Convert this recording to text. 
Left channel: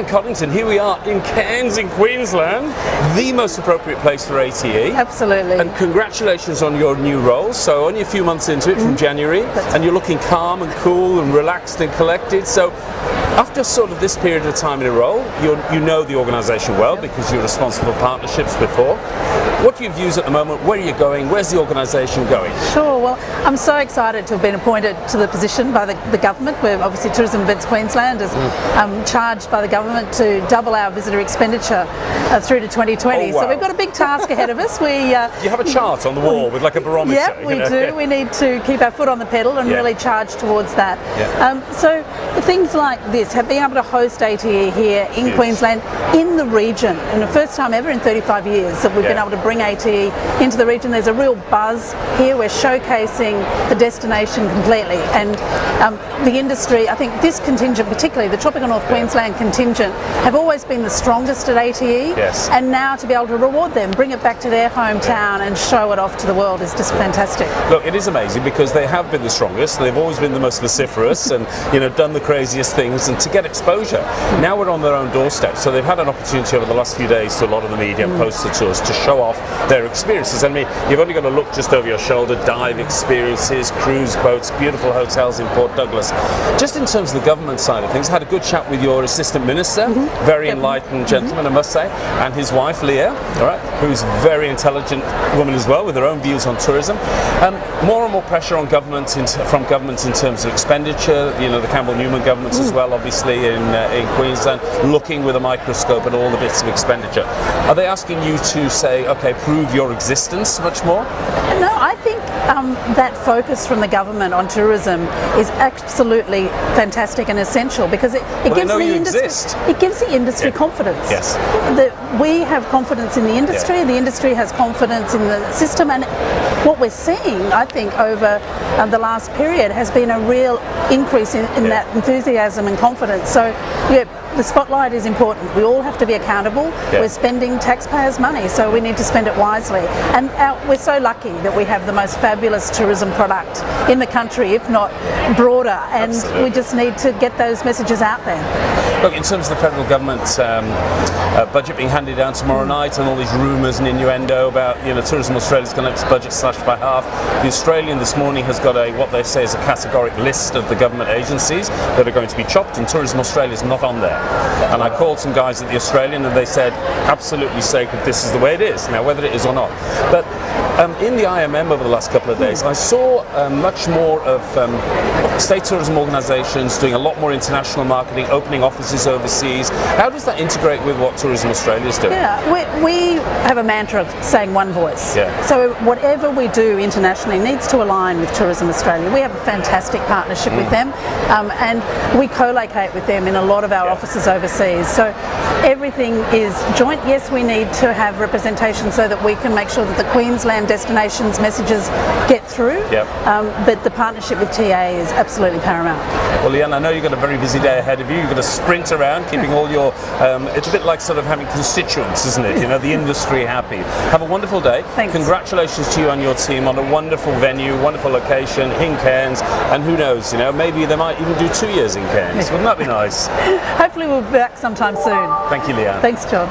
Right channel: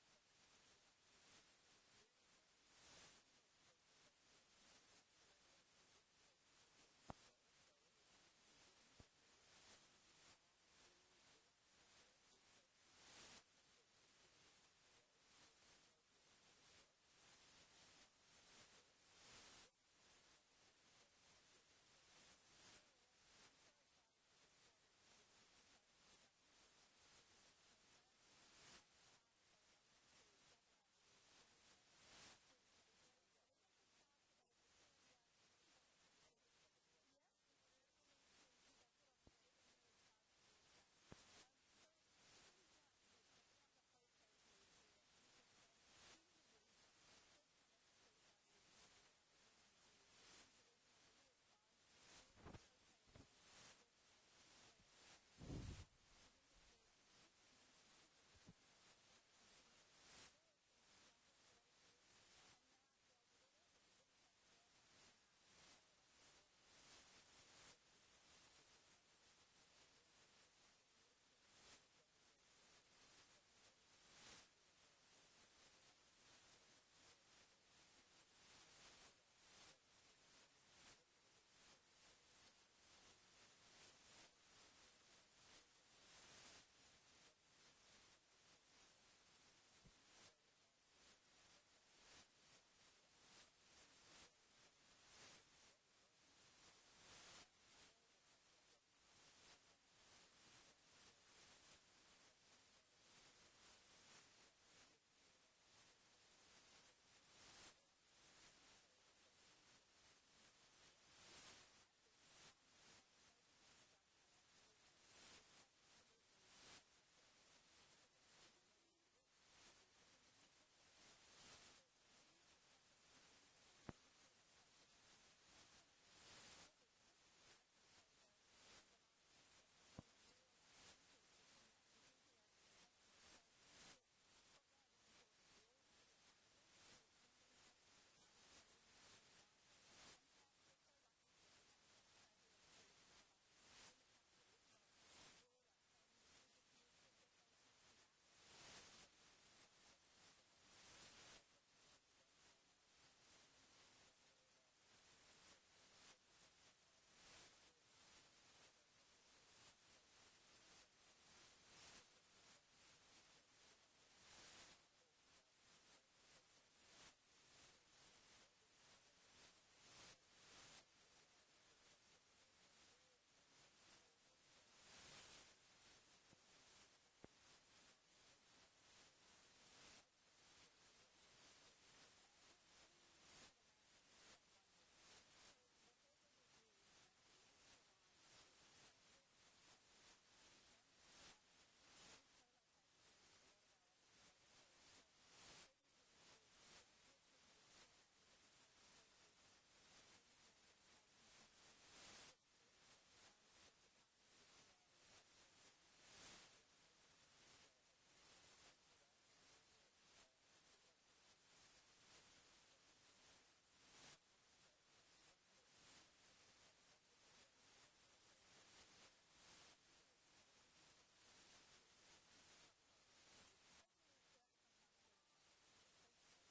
Leanne Coddington, here we are in Cairns in Queensland, the most appropriate place for ATE. Absolutely. And congratulations on your new role. So only a few months into it from January, and you're looking calm and cool and relaxed and collected. So after sort of this period of time in a role, you know the organisation well because you're responsible for partnerships before. What are your views at the moment? Where are you going? Where's the organisation going? Sure, well, I'm so excited to have been appointed to the position by the government. We're obviously Tourism Events Queensland is charged by the government to double our visitor expenditure through to 2020. Oh, wow. So we've got a big task ahead of us. You have a chart on the wall with like a barometer. Yeah, we do. We need to keep our foot on the pedal and really charge towards that. Yeah. So things like this, being able to host ATE here in Queensland, in the region, and the first time ever in 35 years that we've been able to bring ATE into the region. There's a real buzz here. We're showcasing the destination completely, and the industry, I think this contingent, particularly the Tropical North Queensland contingent, have always been the strongest at ATE, and now to be able to reward them, bring it back to their hometown and show it off to the world is just fantastic. Look, it is amazing because they have been the strongest, they've always been the most vociferous and done the craziest things, and to get exposure. Now we're on their own doorstep, so they've had an opportunity over the last few days to a lot of the media and post the tours to show off their experiences. I mean, you've only got to look just over your shoulder, dive experiences, cruise boats, beautiful hotels in Port Douglas. Just in terms of the government side of things, I had a good chat with your assistant minister, very enlightened gentleman, I must say, and his wife, Leanne, who's a very intelligent woman as well, with her own views on tourism. More and more pressure on government from governments in terms of expenditure. The Campbell-Newman governments as well, obviously, in Queensland, looking with a microscope at all the bits of expenditure. Are they asking you to say, okay, prove your existence much more? No, I think that focus from the government on tourism is absolutely fantastic and essential because it gives the industry, it gives the industry confidence. Yes. We have confidence in the industry, the industry has confidence in the system, and what we're seeing, I think, over the last period has been a real increase in that enthusiasm and confidence. So, the spotlight is important. We all have to be accountable. We're spending taxpayers' money, so we need to spend it wisely. And we're so lucky that we have the most fabulous tourism product in the country, if not broader, and we just need to get those messages out there. Look, in terms of the federal government budget being handed down tomorrow night and all these rumours and innuendo about, Tourism Australia's going to have its budget slashed by half, the Australian this morning has got what they say is a categoric list of the government agencies that are going to be chopped, and Tourism Australia's not on there. And I called some guys at the Australian and they said, absolutely sacred, this is the way it is. Now, whether it is or not. But in the IMM over the last couple of days, I saw much more of state tourism organisations doing a lot more international marketing, opening offices overseas. How does that integrate with what Tourism Australia is doing? Yeah, we have a mantra of saying one voice. So whatever we do internationally needs to align with Tourism Australia. We have a fantastic partnership with them, and we co-locate with them in a lot of our offices overseas. So everything is joint. Yes, we need to have representation so that we can make sure that the Queensland destinations messages get through, but the partnership with TA is absolutely paramount. Well, Leanne, I know you've got a very busy day ahead of you. You've got to sprint around, keeping all your, it's a bit like sort of having constituents, isn't it? The industry happy. Have a wonderful day. Thanks. Congratulations to you and your team on a wonderful venue, wonderful location in Cairns, and who knows, maybe they might even do 2 years in Cairns. Wouldn't that be nice? Hopefully we'll be back sometime soon. Thank you, Leanne. Thanks, John.